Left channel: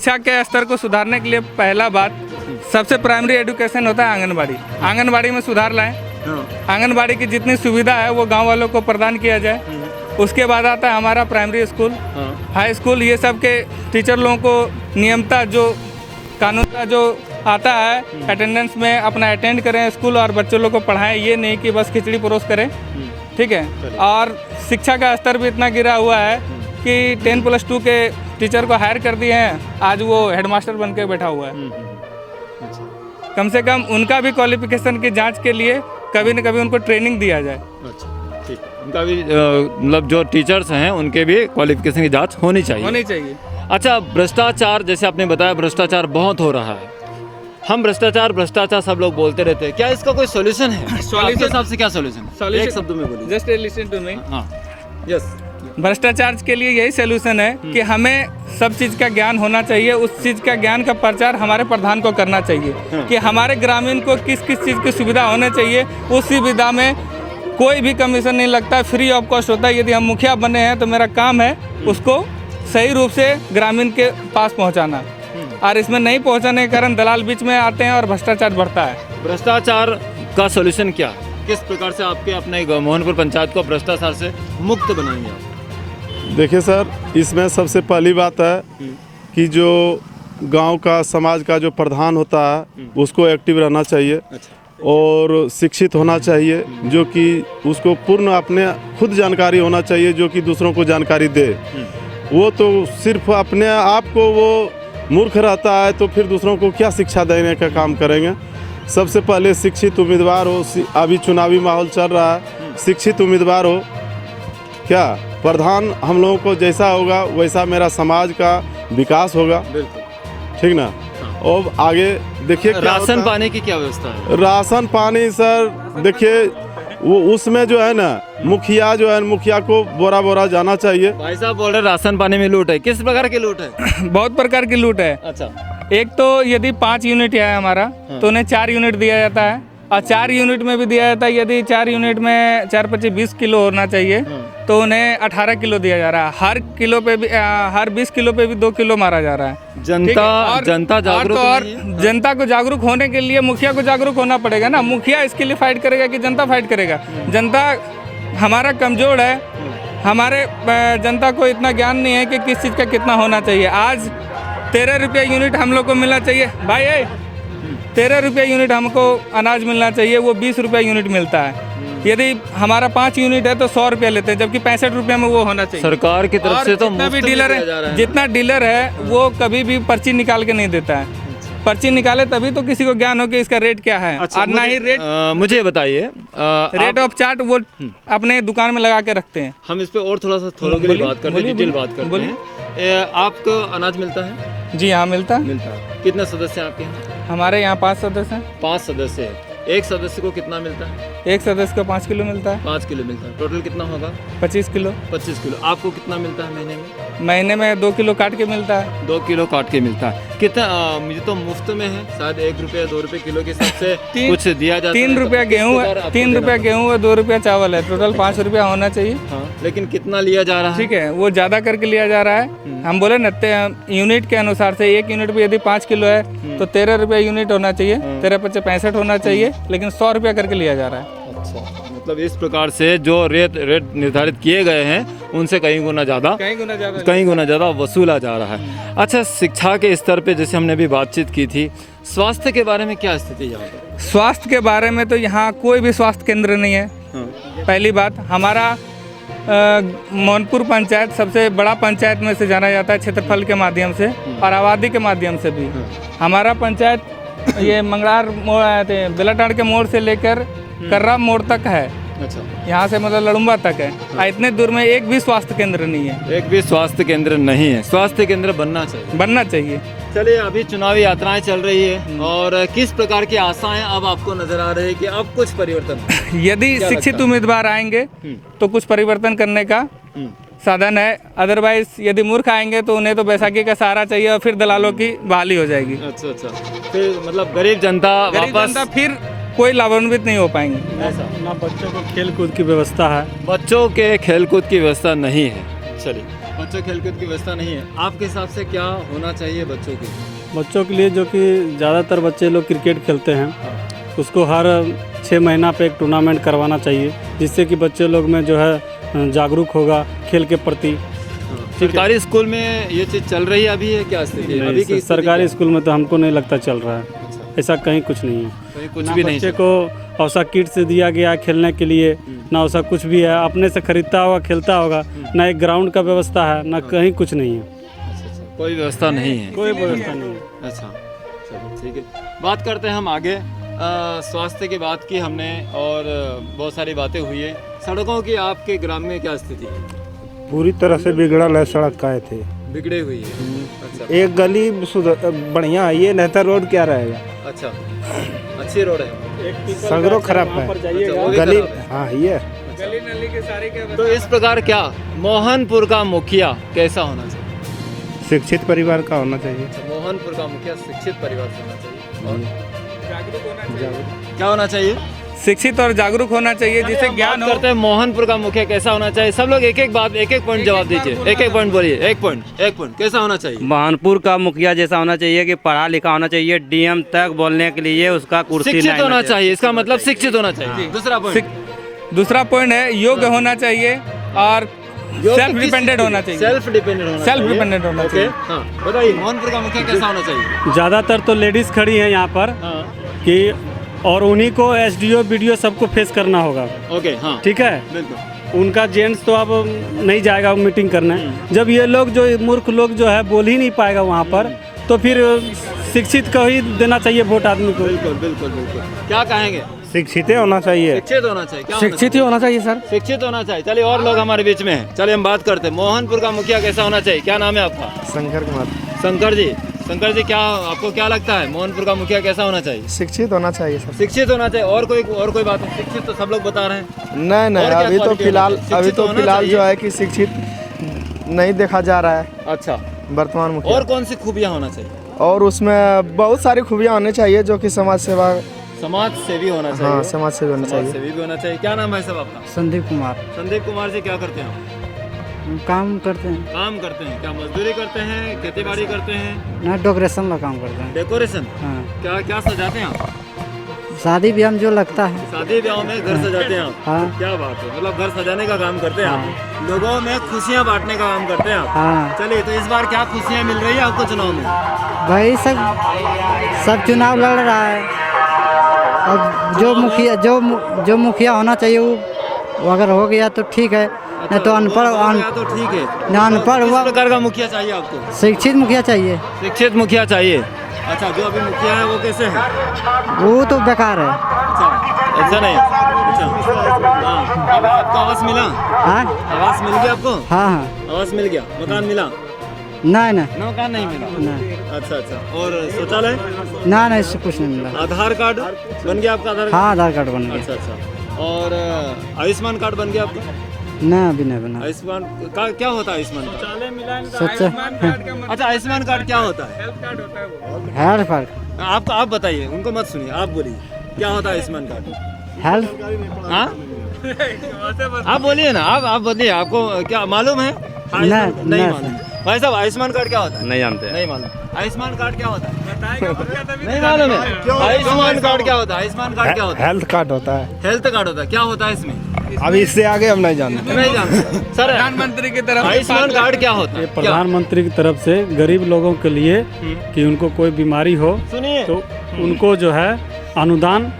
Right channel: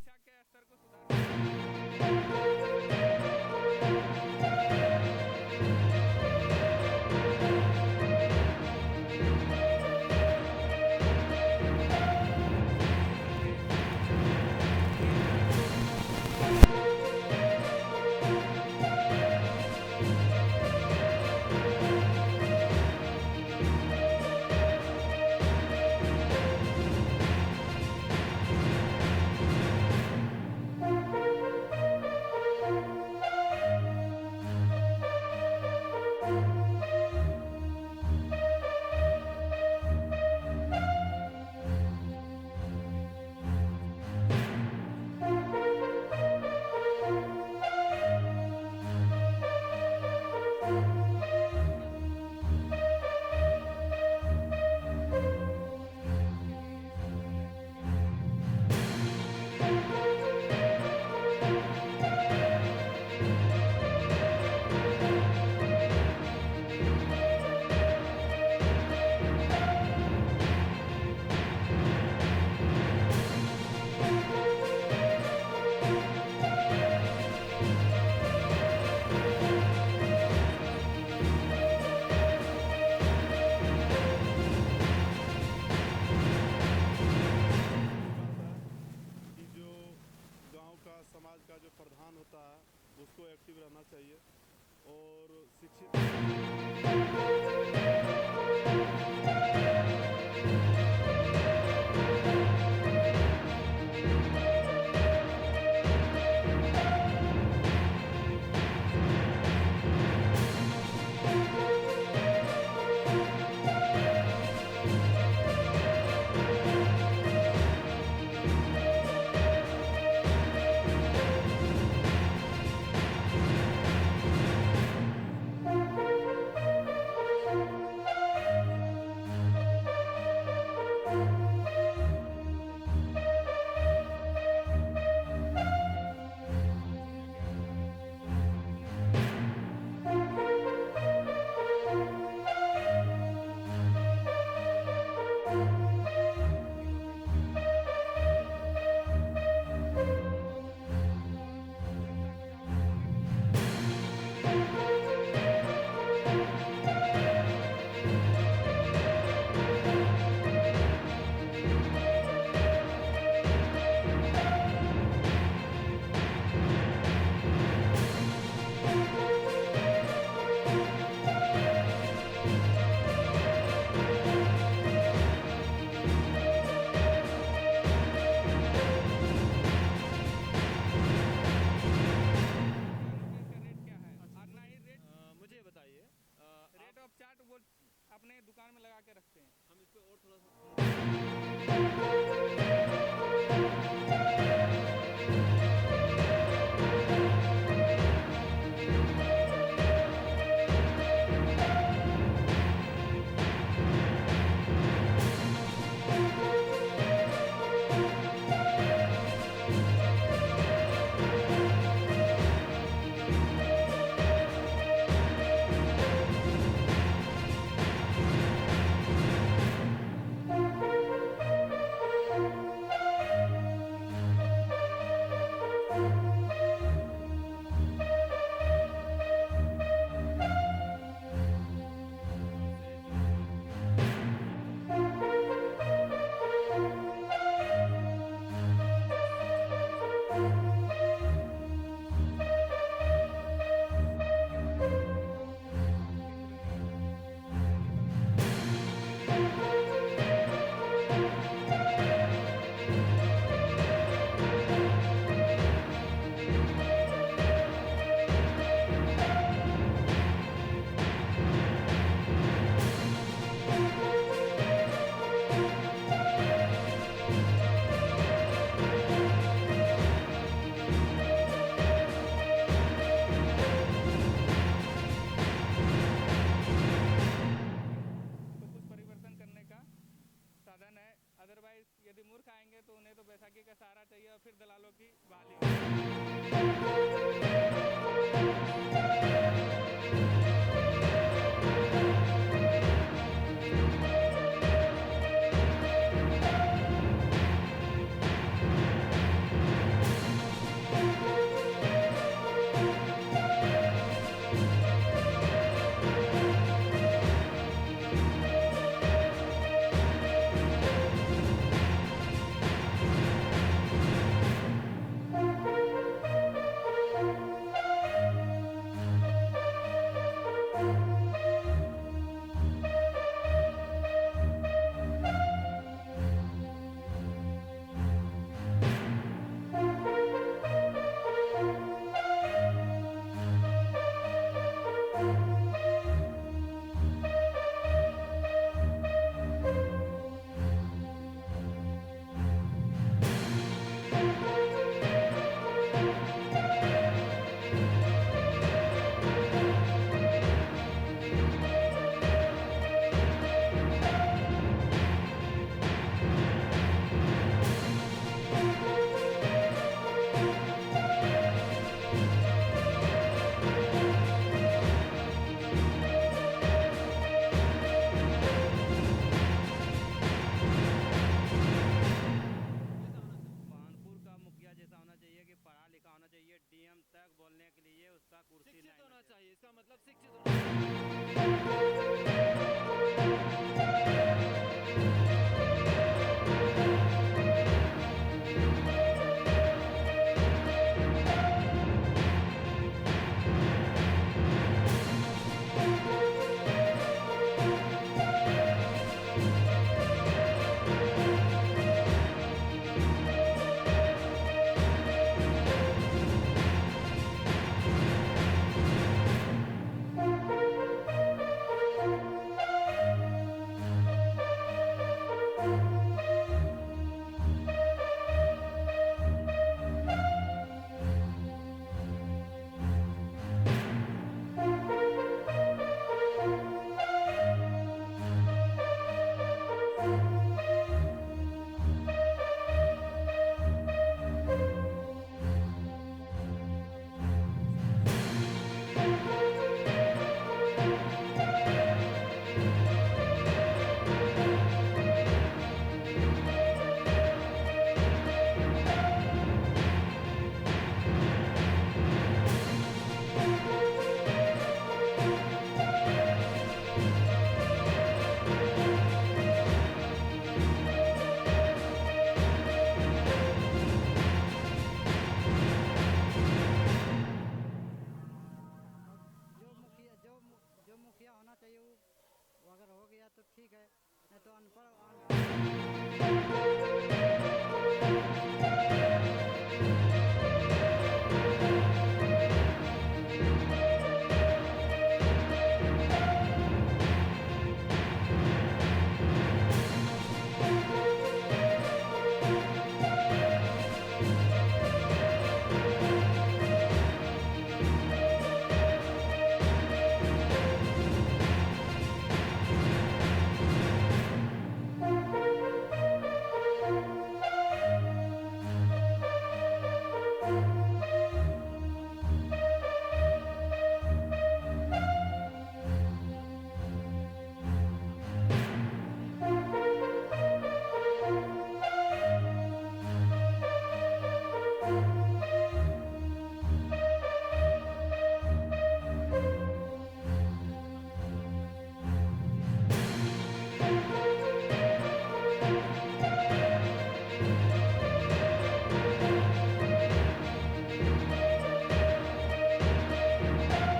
शिक्षा के स्तर को सुधारने के लिए पहला बात सबसे प्राइमरी एजुकेशन होता है आंगनबाड़ी। आंगनबाड़ी में सुधार लाएं। आंगनबाड़ी की जितनी सुविधा है वो गांव वालों को प्रदान किया जाए। उसके बाद आता है हमारा प्राइमरी स्कूल, हाई स्कूल, ये सब के टीचर लोगों को नियमता जो कानूनता जो आता है अटेंडेंस में अपना अटेंड करें स्कूल और बच्चों लोग को पढ़ाएं, ये नहीं कि बस खिचड़ी परोस करें। ठीक है। और शिक्षा का स्तर भी इतना गिरा हुआ है कि 10+2 के टीचर को हायर कर दिए हैं, आज वो हेडमास्टर बन के बैठा हुआ है। कम से कम उनका भी क्वालिफिकेशन की जांच के लिए कभी न कभी उनको ट्रेनिंग दिया जाए। अच्छा, ठीक है। उनका भी मतलब जो टीचर्स हैं उनके भी क्वालिफिकेशन की जांच होनी चाहिए। अच्छा, भ्रष्टाचार, जैसे आपने बताया भ्रष्टाचार बहुत हो रहा है। हम भ्रष्टाचार सब लोग बोलते रहते हैं, क्या इसका कोई सॉल्यूशन है? आपके हिसाब से क्या सॉल्यूशन है? एक शब्द में बोलिए। Just listen to me. हाँ, यस। भ्रष्टाचार के लिए यही सलूशन है कि हमें सब चीज़ का ज्ञान होना चाहिए। उस चीज़ का ज्ञान का प्रचार हमारे प्रधान को करना चाहिए कि हमारे ग्रामीण को किस किस चीज़ की सुविधा होनी चाहिए। उस सुविधा में कोई भी कमीशन नहीं लगता, फ्री ऑफ कॉस्ट होता है। यदि हम मुखिया बने हैं तो मेरा काम है उसको सही रूप से ग्रामीण के पास पहुँचाना, और इसमें नहीं पहुँचाने के कारण दलाल बीच में आते हैं और भ्रष्टाचार बढ़ता है। भ्रष्टाचार का सॉल्यूशन क्या है? किस प्रकार से आपके अपने मोहनपुर पंचायत को भ्रष्टाचार से मुक्त बनाएंगे? देखिए सर, इसमें सबसे पहली बात है कि जो गांव का समाज का जो प्रधान होता है उसको एक्टिव रहना चाहिए और शिक्षित होना चाहिए, जो कि उसको पूर्ण अपने खुद जानकारी होना चाहिए, जो कि दूसरों को जानकारी दे। वो तो सिर्फ अपने आप को वो मूर्ख रहता है तो फिर दूसरों को क्या शिक्षा देने का काम करेंगे। सबसे पहले शिक्षित उम्मीदवार हो। अभी चुनावी माहौल चल रहा है, शिक्षित उम्मीदवार हो। क्या प्रधान हम लोगों को जैसा होगा वैसा मेरा समाज का विकास होगा, ठीक ना। और आगे देखिए राशन पानी की क्या व्यवस्था है? राशन पानी सर देखिए वो उसमें जो है ना मुखिया को बोरा बोरा जाना चाहिए। भाई साहब बोल रहे राशन पानी में लूट है, किस प्रकार की लूट है? बहुत प्रकार की लूट है। अच्छा, एक तो यदि 5 यूनिट है हमारा तो उन्हें 4 यूनिट दिया जाता है, और 4 यूनिट में भी दिया जाता है। यदि 4 यूनिट में 4×25 20 किलो होना चाहिए तो उन्हें 18 किलो दिया जा रहा है। हर किलो पे भी हर 20 किलो पे भी 2 किलो मारा जा रहा है। जनता जागरूक और जनता को जागरूक होने के लिए मुखिया को जागरूक होना पड़ेगा ना। मुखिया इसके लिए फाइट करेगा कि जनता फाइट करेगा? जनता हमारा कमजोर है, हमारे जनता को इतना ज्ञान नहीं है कि किस चीज़ का कितना होना चाहिए। आज 13 रुपये यूनिट हम लोग को मिलना चाहिए भाई, 13 रुपये यूनिट हमको अनाज मिलना चाहिए, वो 20 रुपये यूनिट मिलता है। यदि हमारा 5 यूनिट है तो 100 रुपये लेते हैं, जबकि 65 रुपये में वो होना चाहिए। सरकार की तरफ से तो जितना भी डीलर है, जितना डीलर है वो कभी भी पर्ची निकाल के नहीं देता है। पर्ची निकाले तभी तो किसी को ज्ञान हो कि इसका रेट क्या है। अच्छा, और ना ही रेट मुझे बताइए, रेट ऑफ चार्ट वो अपने दुकान में लगा के रखते हैं। हम इस पे और थोड़ा सा थोड़ा बात करते हैं, डिटेल बात करते हैं। आपको अनाज मिलता है? जी हाँ, मिलता है। कितने सदस्य हैं आपके? हमारे यहाँ 5 सदस्य हैं। 5 सदस्य हैं। एक सदस्य को कितना मिलता है? एक सदस्य को 5 किलो मिलता है। 5 किलो मिलता है। टोटल कितना होगा? 25 किलो। 25 किलो। आपको कितना मिलता है महीने में? महीने में 2 किलो काट के मिलता है। 2 किलो काट के मिलता है। कितना मुझे तो मुफ्त में है, शायद 1 रुपया 2 रुपये किलो के हिसाब से कुछ दिया जाता है। 3 रुपया गेहूँ है, 3 रुपया गेहूँ है, 2 रुपया चावल है, टोटल 5 रुपया होना चाहिए। लेकिन कितना लिया जा रहा है? ठीक है, वो ज़्यादा करके लिया जा रहा है। हम बोले ना यूनिट के अनुसार से, 1 यूनिट पे यदि 5 किलो है तो 13 रुपये यूनिट होना चाहिए, 13×5 65 होना चाहिए, लेकिन 100 रुपया करके लिया जा रहा है। अच्छा, मतलब इस प्रकार से जो रेट निर्धारित किए गए हैं उनसे कहीं गुना ज़्यादा वसूला जा रहा है। अच्छा, शिक्षा के स्तर पे जैसे हमने भी बातचीत की थी, स्वास्थ्य के बारे में क्या स्थिति है यहाँ पर? स्वास्थ्य के बारे में तो यहाँ कोई भी स्वास्थ्य केंद्र नहीं है। पहली बात, हमारा मोहनपुर पंचायत सबसे बड़ा पंचायत में से जाना जाता है क्षेत्रफल के माध्यम से और आबादी के माध्यम से भी। हमारा पंचायत ये मंगलार बेलाटाड़ के मोड़ से लेकर कर्रा मोड़ तक है। अच्छा, यहाँ से मतलब लड़ुम्बा तक है। इतने दूर में एक भी स्वास्थ्य केंद्र नहीं है। एक भी स्वास्थ्य केंद्र नहीं है। स्वास्थ्य केंद्र बनना चाहिए। चलिए, अभी चुनावी यात्राएं चल रही है और किस प्रकार की आशाएं अब आपको नजर आ रही है कि अब कुछ परिवर्तन? यदि शिक्षित उम्मीदवार आएंगे तो कुछ परिवर्तन करने का साधन है। अदरवाइज यदि मूर्ख आएंगे तो उन्हें तो बैसाखी का सहारा चाहिए और फिर दलालों की बहाली हो जाएगी। अच्छा, फिर मतलब गरीब जनता फिर कोई लाभान्वित नहीं हो पाएंगे। बच्चों को खेल कूद की व्यवस्था है, बच्चों के खेल कूद की व्यवस्था नहीं है। चलिए, बच्चों खेलकूद की व्यवस्था नहीं है, आपके हिसाब से क्या होना चाहिए बच्चों के लिए? बच्चों के लिए जो कि ज़्यादातर बच्चे लोग क्रिकेट खेलते हैं, उसको हर 6 महीना पे एक टूर्नामेंट करवाना चाहिए, जिससे कि बच्चे लोग में जो है जागरूक होगा खेल के प्रति। सरकारी स्कूल में ये चीज़ चल रही है अभी, है क्या स्थिति है? अभी की स्थिति सरकारी क्या स्कूल में तो हमको नहीं लगता चल रहा है, है? ऐसा कहीं कुछ नहीं है। कहीं कुछ ना भी नहीं बच्चे चल को औसा किट से दिया गया खेलने के लिए, ना वैसा कुछ भी है, अपने से खरीदता होगा खेलता होगा, ना एक ग्राउंड का व्यवस्था है, ना कहीं कुछ नहीं है, अच्छा, कोई व्यवस्था नहीं है। कोई व्यवस्था नहीं है। अच्छा चलिए ठीक है, बात करते हैं हम आगे। स्वास्थ्य की बात की हमने और बहुत सारी बातें हुई है। सड़कों की आपके ग्राम में क्या स्थिति है? पूरी तरह से बिगड़ल है, सड़क का थे। बिगड़े हुई है। अच्छा एक गली बढ़िया है, ये नेहतर रोड क्या रहेगा? अच्छा, अच्छी रोड है। सगरो खराब है, अच्छा, वो भी गली खराब है। हाँ ये गली नली के सारे के तो इस प्रकार क्या मोहनपुर का मुखिया कैसा होना चाहिए? शिक्षित परिवार का होना चाहिए। मोहनपुर का मुखिया शिक्षित परिवार से होना चाहिए। और जागरूक होना चाहिए, क्या होना चाहिए? शिक्षित और जागरूक होना चाहिए, जिससे ज्ञान हो। करते हैं मोहनपुर का मुखिया कैसा होना चाहिए। सब लोग एक एक बात, एक एक पॉइंट जवाब दीजिए। एक एक पॉइंट बोलिए, एक पॉइंट कैसा होना चाहिए? महानपुर का मुखिया जैसा होना चाहिए कि पढ़ा लिखा होना चाहिए, डीएम तक बोलने के लिए उसका कुर्सी शिक्षित नहीं होना चाहिए, इसका मतलब शिक्षित होना चाहिए। दूसरा पॉइंट, दूसरा पॉइंट है योग्य होना चाहिए और सेल्फ डिपेंडेंट होना चाहिए। सेल्फ डिपेंडेंट होना चाहिए। सेल्फ डिपेंडेंट होना ओके, चाहिए। हाँ बताइए, मोहनपुर का मुखिया कैसा होना चाहिए? ज़्यादातर तो लेडीज़ खड़ी हैं यहाँ पर हाँ कि, और उन्हीं को एसडीओ बीडीओ सबको फेस करना होगा, ओके, हाँ ठीक है। बिल्कुल। उनका जेंट्स तो अब नहीं जाएगा मीटिंग करने। जब ये लोग जो मूर्ख लोग जो है बोल ही नहीं पाएगा वहाँ पर, तो फिर शिक्षित को ही देना चाहिए वोट आदमी को। बिल्कुल बिल्कुल बिल्कुल। क्या कहेंगे? शिक्षित होना चाहिए। शिक्षित होना चाहिए। क्या शिक्षित ही होना चाहिए सर। शिक्षित होना चाहिए। चलिए, और लोग हमारे बीच में हैं, चलिए हम बात करते हैं। मोहनपुर का मुखिया कैसा होना चाहिए? क्या नाम है आपका? शंकर कुमार। शंकर जी क्या आपको क्या लगता है मोहनपुर का मुखिया कैसा होना चाहिए? शिक्षित होना चाहिए सर। शिक्षित होना चाहिए। और कोई बात है? शिक्षित तो सब लोग बता रहे हैं। नहीं नहीं, और क्या अभी तो quality फिलहाल होना चाहिए? शिक्षित होना फिलहाल चाहिए। जो है कि शिक्षित नहीं देखा जा रहा है अच्छा, वर्तमान मुखिया। और कौन सी खूबियाँ होना चाहिए? और उसमें बहुत सारी खूबियाँ होनी चाहिए, जो कि समाज सेवा, समाज सेवी होना चाहिए। हाँ समाज सेवा होनी समाज चाहिए। सेवी भी होना चाहिए। क्या नाम है सब आपका? संदीप कुमार। संदीप कुमार जी, क्या करते हैं? काम करते हैं काम करते हैं। क्या मजदूरी करते हैं, खेती बाड़ी करते हैं, ना, डेकोरेशन का काम करते हैं। डेकोरेशन? हाँ, क्या क्या सजाते हैं आप? शादी ब्याह में जो लगता है। शादी ब्याह में घर सजाते हैं आप? हाँ क्या बात है, मतलब घर सजाने का काम करते हैं आप, लोगों में खुशियाँ बांटने का काम करते हैं आप। हाँ चलिए, तो इस बार क्या खुशियाँ मिल रही है आपको चुनाव में? भाई, सब चुनाव लड़ रहा है। अब जो मुखिया होना चाहिए वो अगर हो गया तो ठीक है, नहीं तो अनपढ़ तो ठीक है। ना अनपढ़ किस हुआ। प्रकार का मुखिया चाहिए आपको? शिक्षित मुखिया चाहिए। शिक्षित मुखिया चाहिए। अच्छा, जो अभी मुखिया है वो कैसे है? वो तो बेकार है। अच्छा, ऐसा नहीं। अच्छा, हाँ, अब आपको आवास मिला? हाँ आवास मिल गया आपको? हाँ हाँ, आवास मिल गया, मकान मिला? नहीं नहीं मकान नहीं मिला। नहीं अच्छा अच्छा, और शौचालय? ना, नहीं, इससे कुछ नहीं मिला। आधार कार्ड बन गया आपका? आधार हाँ, आधार कार्ड बन कार्ड? गया। अच्छा अच्छा, और आयुष्मान कार्ड बन गया आपका? ना, अभी नहीं बना। आयुष्मान का क्या होता है? आयुष्मान कार्ड? सच्चा अच्छा, आयुष्मान कार्ड क्या होता है? Health card. आप बताइए, उनको मत सुनिए, आप बोलिए क्या होता है आयुष्मान कार्ड? हेल्थ। हाँ, आप बोलिए ना, आप बोलिए, आपको क्या मालूम है? नहीं, नहीं नहीं। मालूम। भाई साहब, आयुष्मान कार्ड क्या होता है? नहीं जानते। नहीं मालूम। आयुष्मान कार्ड क्या होता है? नहीं मालूम है। आयुष्मान कार्ड क्या होता है? आयुष्मान कार्ड क्या होता है? हेल्थ कार्ड होता है। हेल्थ कार्ड होता है। क्या होता है इसमें? अभी इससे आगे हम नहीं जानते। नहीं जानते सर। प्रधानमंत्री की तरफ से आयुष्मान कार्ड क्या होता है? क्या? प्रधानमंत्री की तरफ से गरीब लोगों के लिए कि उनको कोई बीमारी हो सुनिए, तो उनको जो है अनुदान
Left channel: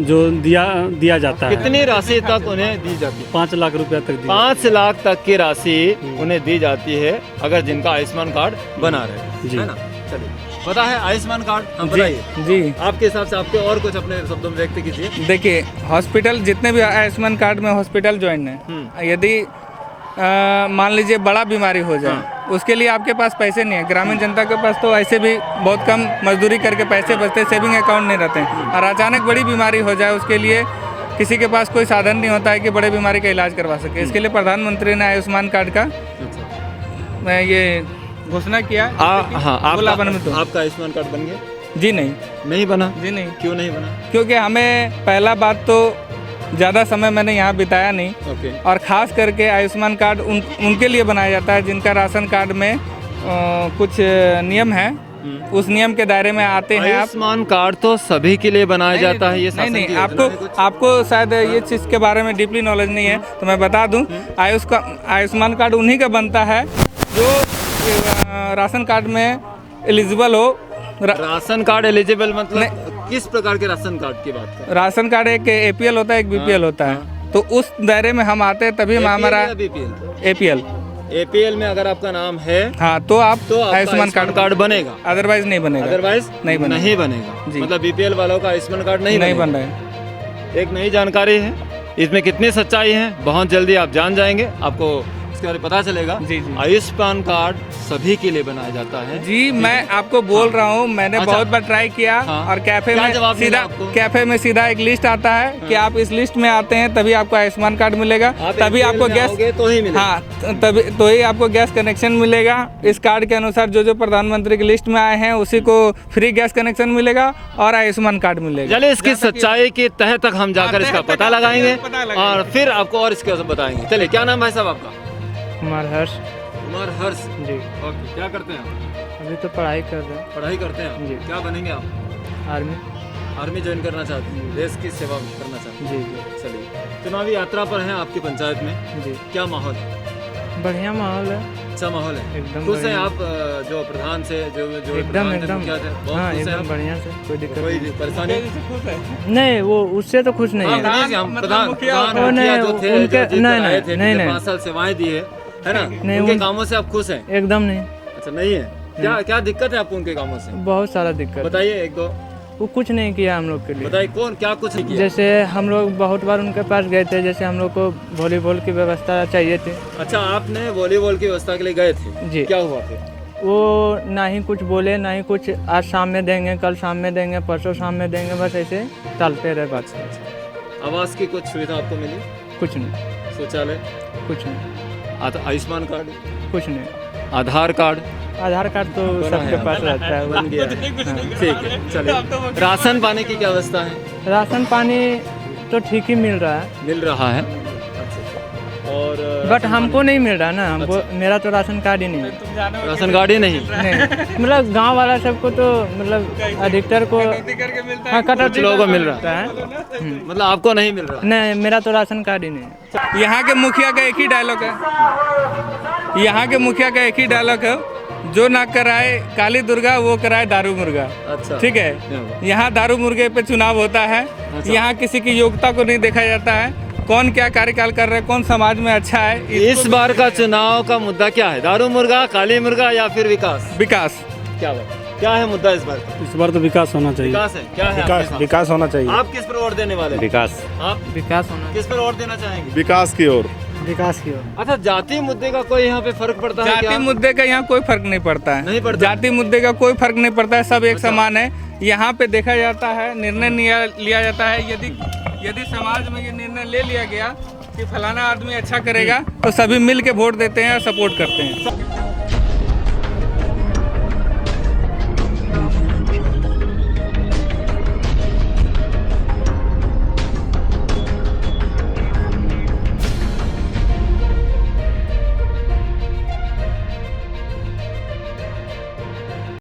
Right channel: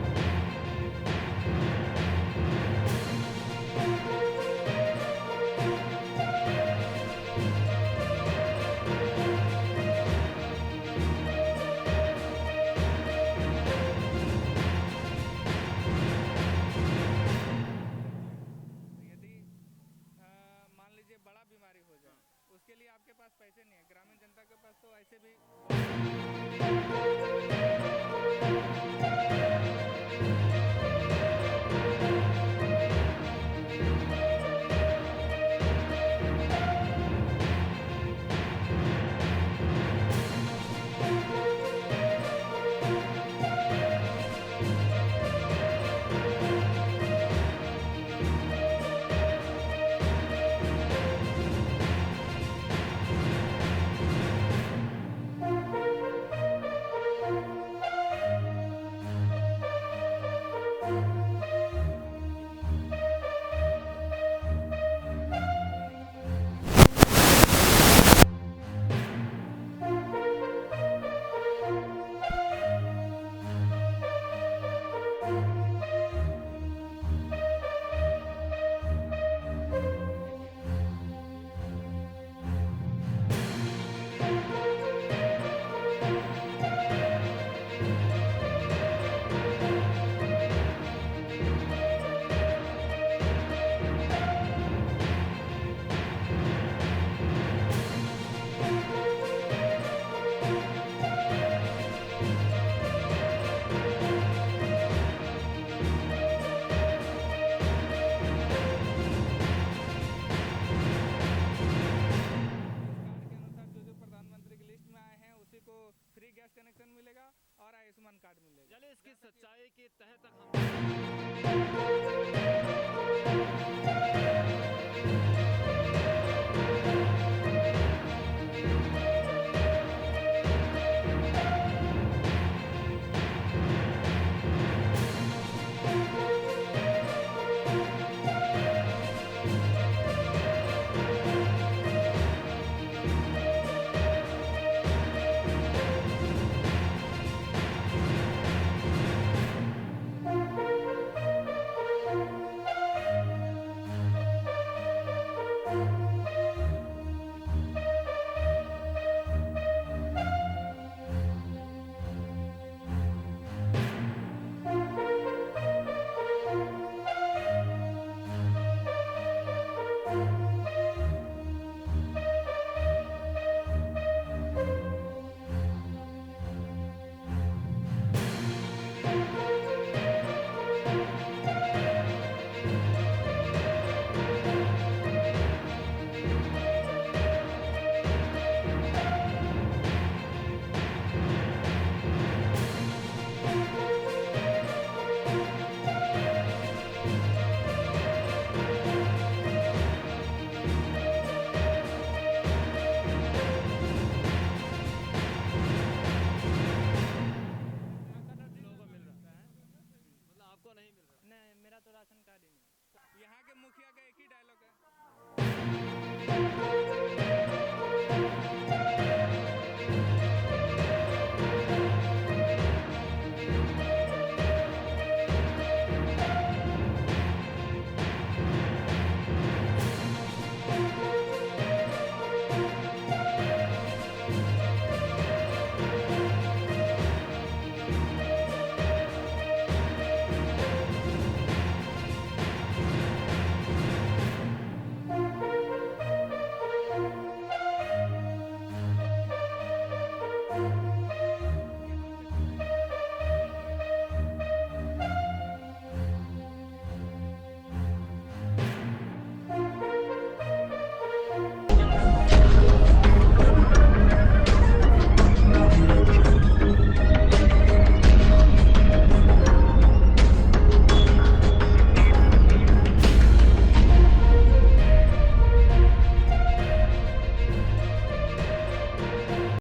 जो दिया जाता है। कितनी राशि तक उन्हें दी जाती है? 5 लाख रुपया तक दी। 5 लाख तक की राशि उन्हें दी जाती है अगर जिनका आयुष्मान कार्ड बना रहे, जी। है ना? चलिए, पता है आयुष्मान कार्ड? हम बताइए जी। आपके हिसाब से, आपको और कुछ अपने शब्दों में व्यक्त कीजिए। देखिए, हॉस्पिटल जितने भी आयुष्मान कार्ड में हॉस्पिटल ज्वाइन है, यदि मान लीजिए बड़ा बीमारी हो जाए, उसके लिए आपके पास पैसे नहीं है। ग्रामीण जनता के पास तो ऐसे भी बहुत कम मजदूरी करके पैसे बचते, सेविंग अकाउंट नहीं रहते हैं, और अचानक बड़ी बीमारी हो जाए उसके लिए किसी के पास कोई साधन नहीं होता है कि बड़े बीमारी का इलाज करवा सके। इसके लिए प्रधानमंत्री ने आयुष्मान कार्ड का ये घोषणा किया। हाँ, बोला बन में तो आपका आयुष्मान कार्ड बन गया? जी नहीं, नहीं बना? जी नहीं, क्यों नहीं बना? क्योंकि हमें पहला बात तो ज़्यादा समय मैंने यहाँ बिताया नहीं। ओके। और ख़ास करके आयुष्मान कार्ड उनके लिए बनाया जाता है जिनका राशन कार्ड में कुछ नियम है, उस नियम के दायरे में आते हैं आप। आयुष्मान कार्ड तो सभी के लिए बनाया जाता है, ये शासन नहीं की योजना है कुछ? आपको शायद ये चीज़ के बारे में डीपली नॉलेज नहीं है, तो मैं बता दूं, आयुष्मान कार्ड उन्हीं का बनता है जो राशन कार्ड में एलिजिबल हो। राशन कार्ड एलिजिबल मतलब किस प्रकार के राशन कार्ड की बात कर? राशन कार्ड एक APL होता है, एक BPL होता है, तो उस दायरे में हम आते हैं, तभी हमारा APL। APL में अगर आपका नाम है हाँ तो आप तो आपका आयुष्मान कार्ड बनेगा, अदरवाइज नहीं बनेगा। अदरवाइज नहीं बनेगा। नहीं बनेगा। जी। मतलब BPL वालों का आयुष्मान कार्ड नहीं बन बनेगा। रहा है। एक नई जानकारी है, इसमें कितनी सच्चाई है बहुत जल्दी आप जान जाएंगे, आपको इसके बारे में पता चलेगा। जी जी आयुष्मान कार्ड सभी के लिए बनाया जाता है। जी, मैं आपको बोल रहा हूँ, मैंने अच्छा। बहुत बार ट्राई किया। हाँ। और कैफे क्या में जवाब मिला आपको? कैफे में सीधा एक लिस्ट आता है कि आप इस लिस्ट में आते हैं तभी आपको आयुष्मान कार्ड मिलेगा, तभी APL आपको में गैस, आओगे तो ही मिलेगा। हाँ तभी तो ही आपको गैस कनेक्शन मिलेगा। इस कार्ड के अनुसार जो जो प्रधानमंत्री की लिस्ट में आए हैं उसी को फ्री गैस कनेक्शन मिलेगा और आयुष्मान कार्ड मिलेगा। चलिए इसकी सच्चाई की तह तक हम जाकर इसका पता लगाएंगे और फिर आपको और इसके बारे में बताएंगे। चलिए, क्या नाम भाई साहब आपका? कुमार हर्ष कुमार हर्ष जी। ओके, क्या करते हैं? अभी तो पढ़ाई कर रहे हैं, पढ़ाई करते हैं। जी। क्या बनेंगे आप? आर्मी। आर्मी ज्वाइन करना चाहते हैं, देश की सेवा करना चाहते जी हैं। चलिए, चुनावी यात्रा पर हैं आपकी पंचायत में, जी। क्या माहौल है? बढ़िया माहौल है। अच्छा माहौल है, एकदम खुश हैं बढ़िया। आप जो प्रधान से जो एकदम एकदम मुखिया थे, बहुत हाँ, खुश हैं एकदम आप? बढ़िया से, कोई दिक्कत कोई परेशानी? नहीं। वो उससे तो खुश नहीं हाँ, है। नहीं, हम प्रधान वो मुखिया नहीं, जो थे, उनके- जो जीत नहीं, कर आए थे, नहीं, जिनने नहीं। 5 साल सेवाएं दी है ना? नहीं, उनके उन- कामों से आप खुश हैं? एकदम नहीं, अच्छा, नहीं है। क्या क्या दिक्कत है आपको उनके कामों से? बहुत सारा दिक्कत। बताइए एक दो, वो कुछ नहीं किया हम लोग के लिए। बताइए कौन क्या कुछ नहीं किया? जैसे हम लोग बहुत बार उनके पास गए थे, जैसे हम लोग को वॉलीबॉल की व्यवस्था चाहिए थी। अच्छा, आपने वॉलीबॉल की व्यवस्था के लिए गए थे, जी। क्या हुआ फिर? वो ना ही कुछ बोले, ना ही कुछ आज शाम में देंगे, कल शाम में देंगे, परसों शाम में देंगे, बस ऐसे टालते रहे बात। आवास की कुछ सुविधा आपको मिली? कुछ नहीं, शौचालय? कुछ नहीं, आयुष्मान कार्ड? कुछ नहीं। आधार कार्ड? आधार कार्ड तो बना है सबके पास आपका? रहता है। बन गया है। ठीक है, चलिए। राशन पानी की क्या व्यवस्था है? राशन पानी तो ठीक ही मिल रहा है, मिल रहा है और बट हमको नहीं मिल रहा ना। हमको मेरा तो राशन कार्ड ही नहीं है। राशन कार्ड ही नहीं। नहीं, मतलब गांव वाला सबको तो मतलब अधिकतर को हाँ, कुछ लोगों को मिल रहा है। मतलब आपको नहीं मिल रहा? नहीं, मेरा तो राशन कार्ड ही नहीं है। यहाँ के मुखिया का एक ही डायलॉग है, यहाँ के मुखिया का एक ही डायलॉग है, जो ना कराए काली दुर्गा वो कराए दारू मुर्गा। अच्छा, ठीक है, यहाँ दारू मुर्गे पे चुनाव होता है। यहाँ किसी की योग्यता को नहीं देखा जाता है, कौन क्या कार्यकाल कर रहा है, कौन समाज में अच्छा है। इस बार का चुनाव का मुद्दा क्या है? दारू मुर्गा, काली मुर्गा या फिर विकास? विकास। क्या है मुद्दा इस बार? इस बार तो विकास होना चाहिए। विकास है। क्या है आपके साथ? विकास होना चाहिए। आप किस पर वोट देने वाले हैं? विकास। आप विकास होना, किस पर वोट देना चाहेंगे? विकास की ओर। विकास की ओर। अच्छा, जाति मुद्दे का कोई यहाँ पे फर्क पड़ता है जाति क्या? मुद्दे का यहाँ कोई फर्क नहीं पड़ता है। नहीं पड़ता? जाति मुद्दे का कोई फर्क नहीं पड़ता है, सब एक समान है। यहाँ पे देखा जाता है, निर्णय लिया जाता है। यदि समाज में ये निर्णय ले लिया गया कि फलाना आदमी अच्छा करेगा तो सभी मिल के वोट देते हैं और सपोर्ट करते हैं।